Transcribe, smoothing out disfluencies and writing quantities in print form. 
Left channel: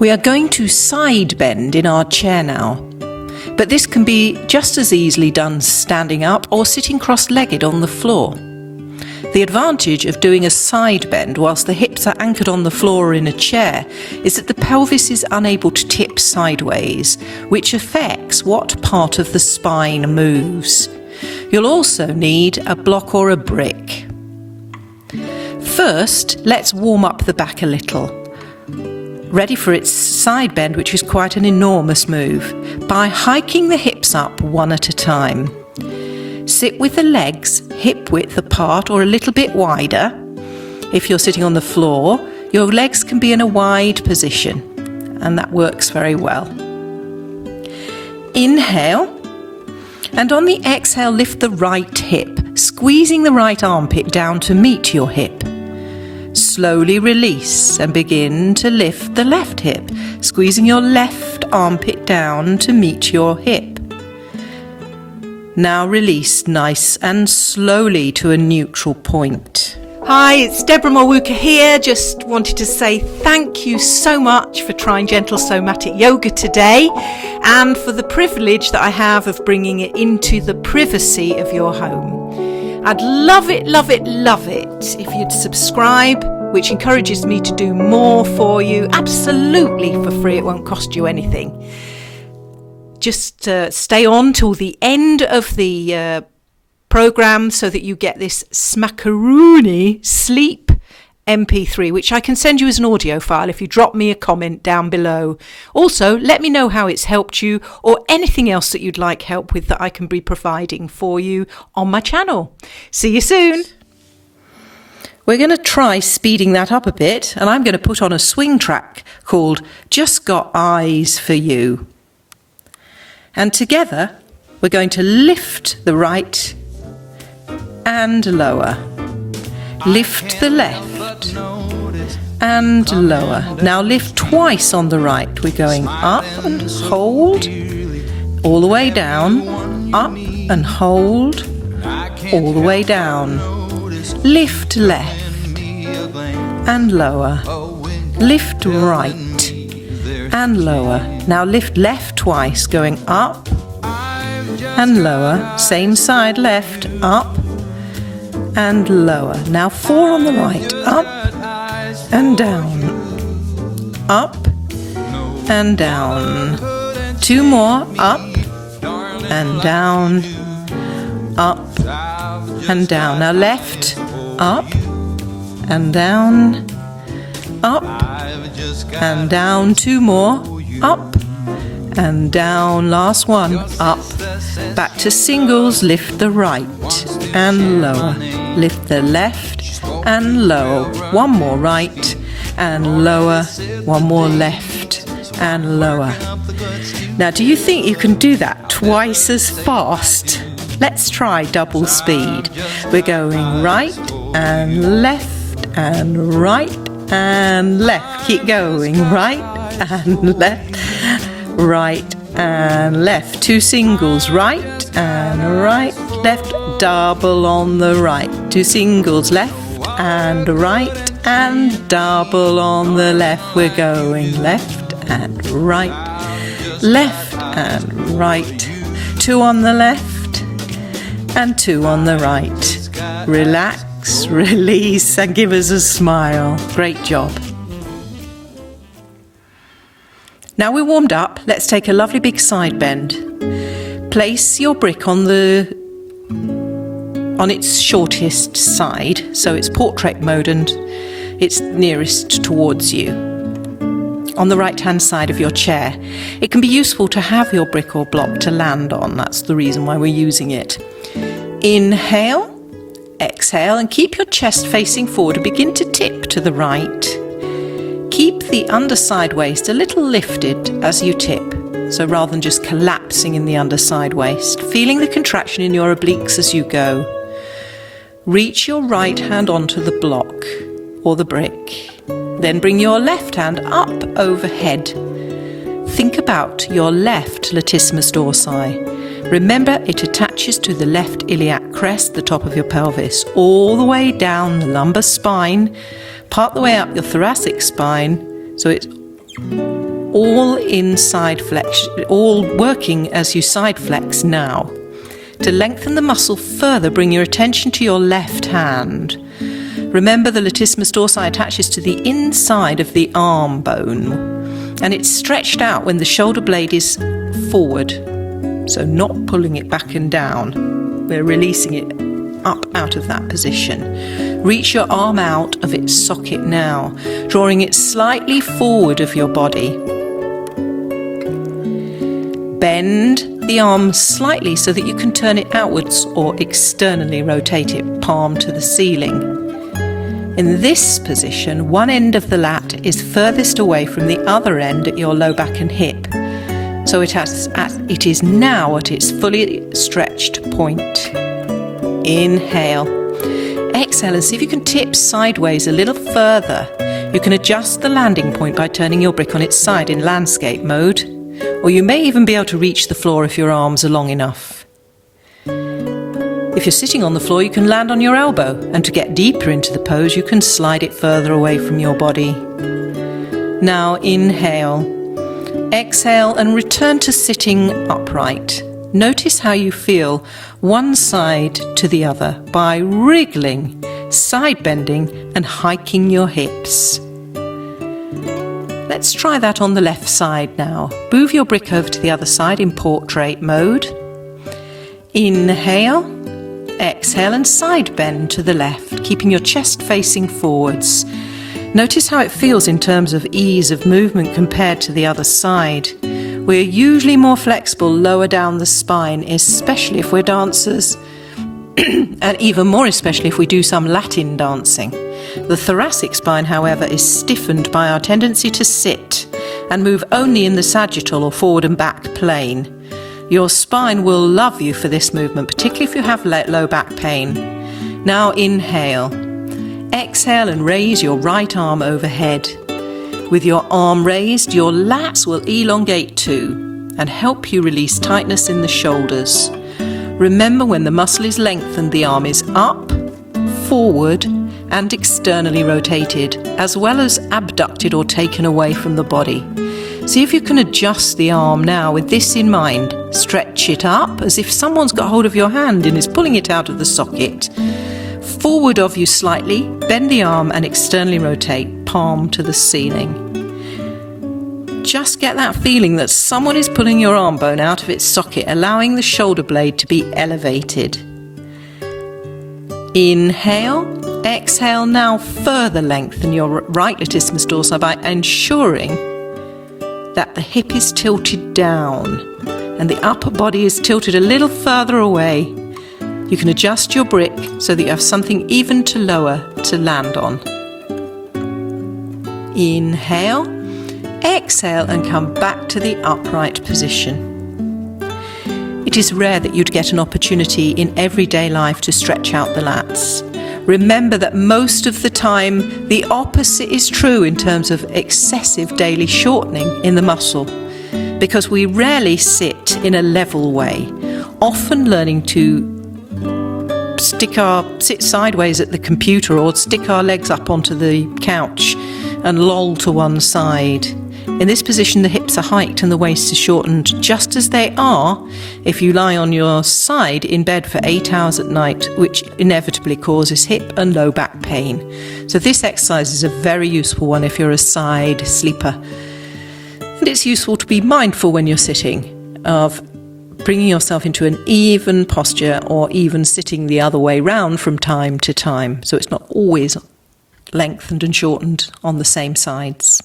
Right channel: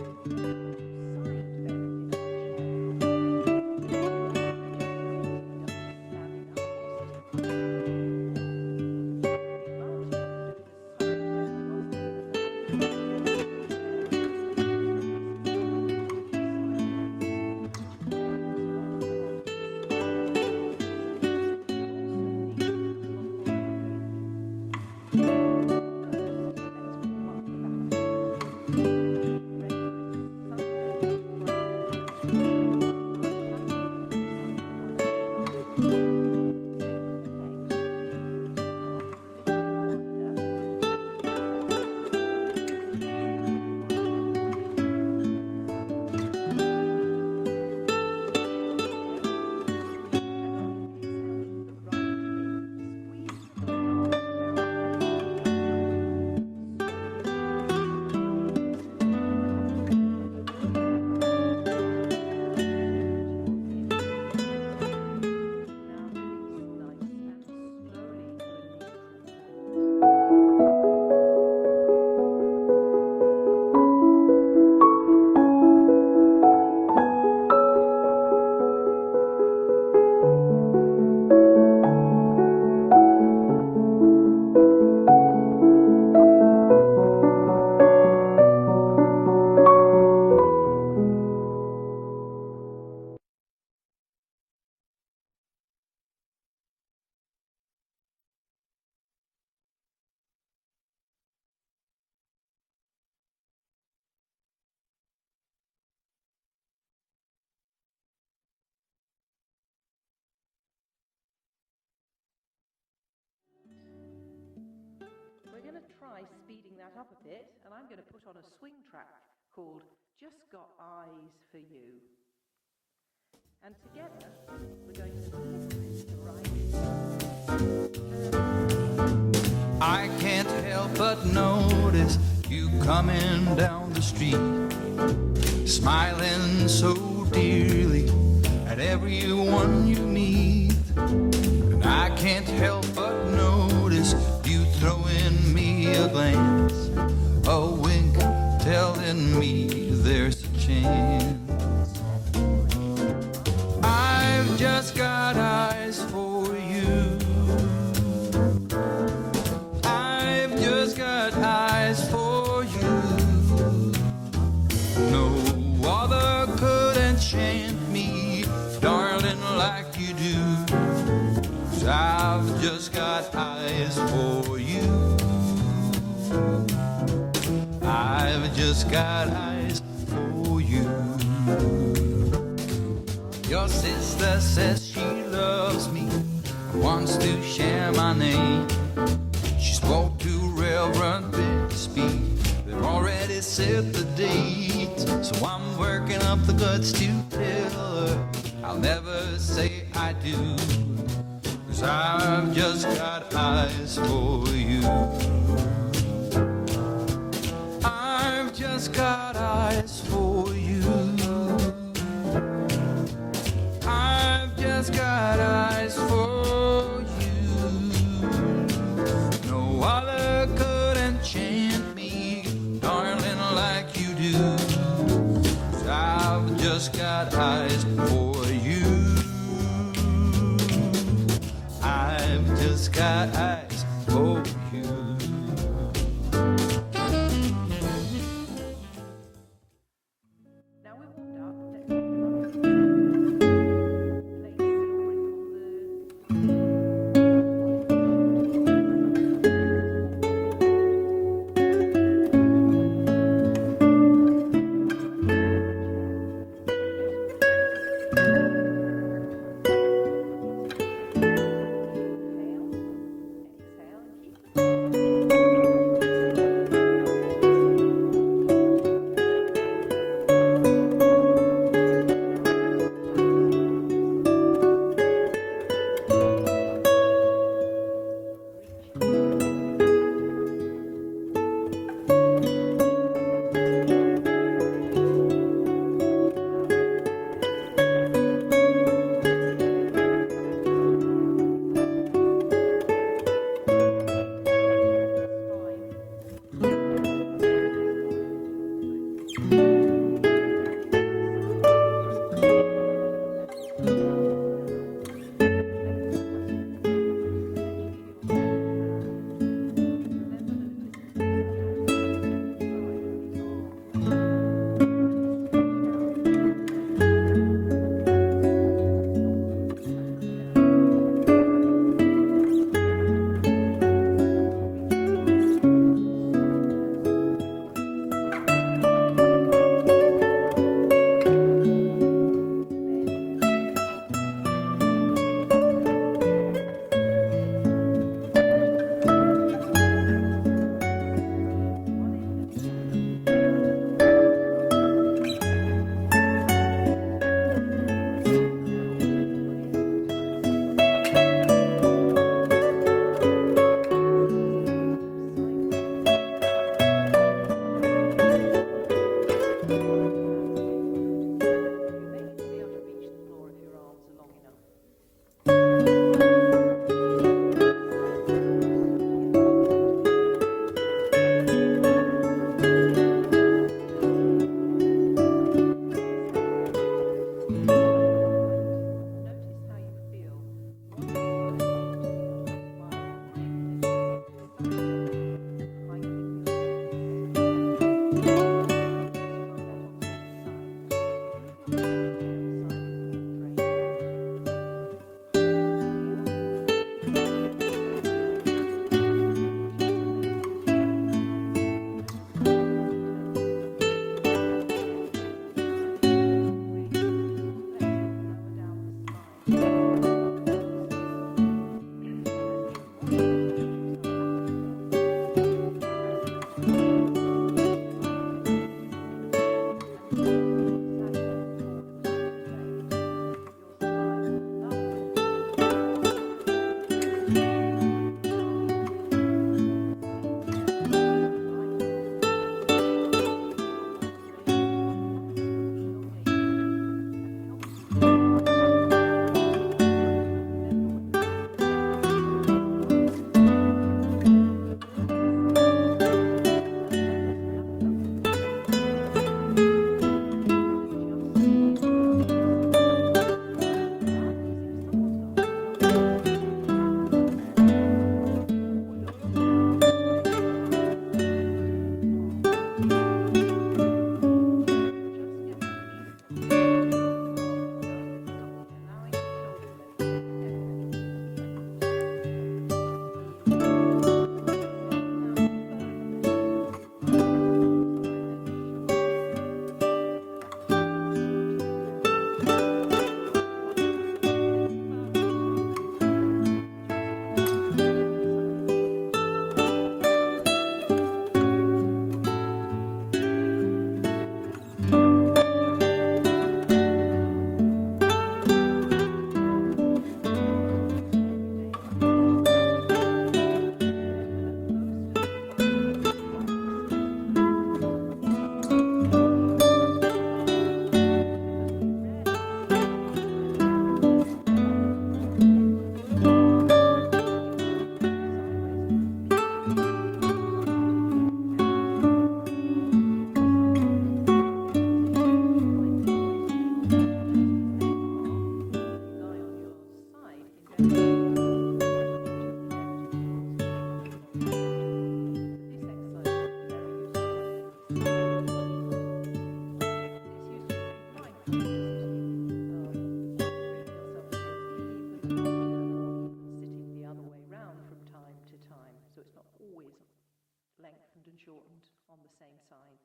We are going to side bend in our chair now, but this can be just as easily done standing up or sitting cross-legged on the floor. The advantage of doing a side bend whilst the hips are anchored on the floor or in a chair is that the pelvis is unable to tip sideways, which affects what part of the spine moves. You'll also need a block or a brick. First, let's warm up the back a little. Ready for its side bend, which is quite an enormous move, by hiking the hips up one at a time. Sit with the legs hip width apart or a little bit wider. If you're sitting on the floor, your legs can be in a wide position, and that works very well. Inhale, and on the exhale, lift the right hip, squeezing the right armpit down to meet your hip. Slowly release and begin to lift the left hip, squeezing your left armpit down to meet your hip. Now release nice and slowly to a neutral point. Hi, it's Deborah Mulwuka here. Just wanted to say thank you so much for trying gentle somatic yoga today and for the privilege that I have of bringing it into the privacy of your home. I'd love it if you'd subscribe, which encourages me to do more for you, absolutely for free. It won't cost you anything. Just stay on till the end of the program so that you get this smackaroony sleep MP3, which I can send you as an audio file if you drop me a comment down below. Also, let me know how it's helped you or anything else that you'd like help with that I can be providing for you on my channel. See you soon. We're going to try speeding that up a bit, and I'm going to put on a swing track called Just Got Eyes for You. And together, we're going to lift the right and lower. Lift the left and lower. Now lift twice on the right. We're going up and hold, all the way down, up and hold, all the way down. Lift left and lower. Lift right and lower. Now lift left twice, going up and lower. Same side, left, up and lower. Now 4 on the right, up and down, up and down. 2 more, up and down, up and down. Now left, up and down, up and down. 2 more, up and down. Last one, up. Back to singles. Lift the right and lower. Lift the left and lower. 1 more right and lower. 1 more left and lower. Now, do you think you can do that twice as fast? Let's try double speed. We're going right and left and right and left. Keep going. Right and left. Right and left. 2 singles. Right and right. Left. Double on the right. 2 singles. Left and right and double on the left. We're going left and right. Left and right. 2 on the left and 2 on the right. Relax, release, and give us a smile. Great job. Now we're warmed up, let's take a lovely big side bend. Place your brick on its shortest side, so it's portrait mode and it's nearest towards you. On the right-hand side of your chair. It can be useful to have your brick or block to land on. That's the reason why we're using it. Inhale, exhale, and keep your chest facing forward. Begin to tip to the right. Keep the underside waist a little lifted as you tip. So rather than just collapsing in the underside waist, feeling the contraction in your obliques as you go. Reach your right hand onto the block or the brick. Then bring your left hand up overhead. Think about your left latissimus dorsi. Remember, it attaches to the left iliac crest, the top of your pelvis, all the way down the lumbar spine, part the way up your thoracic spine, so it's all in side flex, all working as you side flex now. To lengthen the muscle further, bring your attention to your left hand. Remember, the latissimus dorsi attaches to the inside of the arm bone, and it's stretched out when the shoulder blade is forward, so not pulling it back and down. We're releasing it up out of that position. Reach your arm out of its socket now, drawing it slightly forward of your body. Bend the arm slightly so that you can turn it outwards or externally rotate it, palm to the ceiling. In this position, one end of the lat is furthest away from the other end at your low back and hip. So it is now at its fully stretched point. Inhale. Exhale and see if you can tip sideways a little further. You can adjust the landing point by turning your brick on its side in landscape mode, or you may even be able to reach the floor if your arms are long enough. If you're sitting on the floor, you can land on your elbow, and to get deeper into the pose, you can slide it further away from your body. Now inhale. Exhale and return to sitting upright. Notice how you feel one side to the other by wriggling, side bending and hiking your hips. Let's try that on the left side now. Move your brick over to the other side in portrait mode. Inhale, exhale and side bend to the left, keeping your chest facing forwards. Notice how it feels in terms of ease of movement compared to the other side. We're usually more flexible lower down the spine, especially if we're dancers, and even more especially if we do some Latin dancing. The thoracic spine, however, is stiffened by our tendency to sit and move only in the sagittal or forward and back plane. Your spine will love you for this movement, particularly if you have low back pain. Now inhale. Exhale and raise your right arm overhead. With your arm raised, your lats will elongate too and help you release tightness in the shoulders. Remember, when the muscle is lengthened, the arm is up, forward and externally rotated, as well as abducted or taken away from the body. See if you can adjust the arm now with this in mind. Stretch it up as if someone's got hold of your hand and is pulling it out of the socket. Forward of you slightly, bend the arm and externally rotate, palm to the ceiling. Just get that feeling that someone is pulling your arm bone out of its socket, allowing the shoulder blade to be elevated. Inhale, exhale, now further lengthen your right latissimus dorsi by ensuring that the hip is tilted down and the upper body is tilted a little further away. You can adjust your brick so that you have something even to lower to land on. Inhale, exhale and come back to the upright position. It is rare that you'd get an opportunity in everyday life to stretch out the lats. Remember that most of the time the opposite is true in terms of excessive daily shortening in the muscle, because we rarely sit in a level way, often learning to sit sideways at the computer or stick our legs up onto the couch and loll to one side. In this position, the hips are hiked and the waist is shortened, just as they are if you lie on your side in bed for 8 hours at night, which inevitably causes hip and low back pain. So this exercise is a very useful one if you're a side sleeper. And it's useful to be mindful when you're sitting of bringing yourself into an even posture, or even sitting the other way round from time to time, so it's not always lengthened and shortened on the same sides.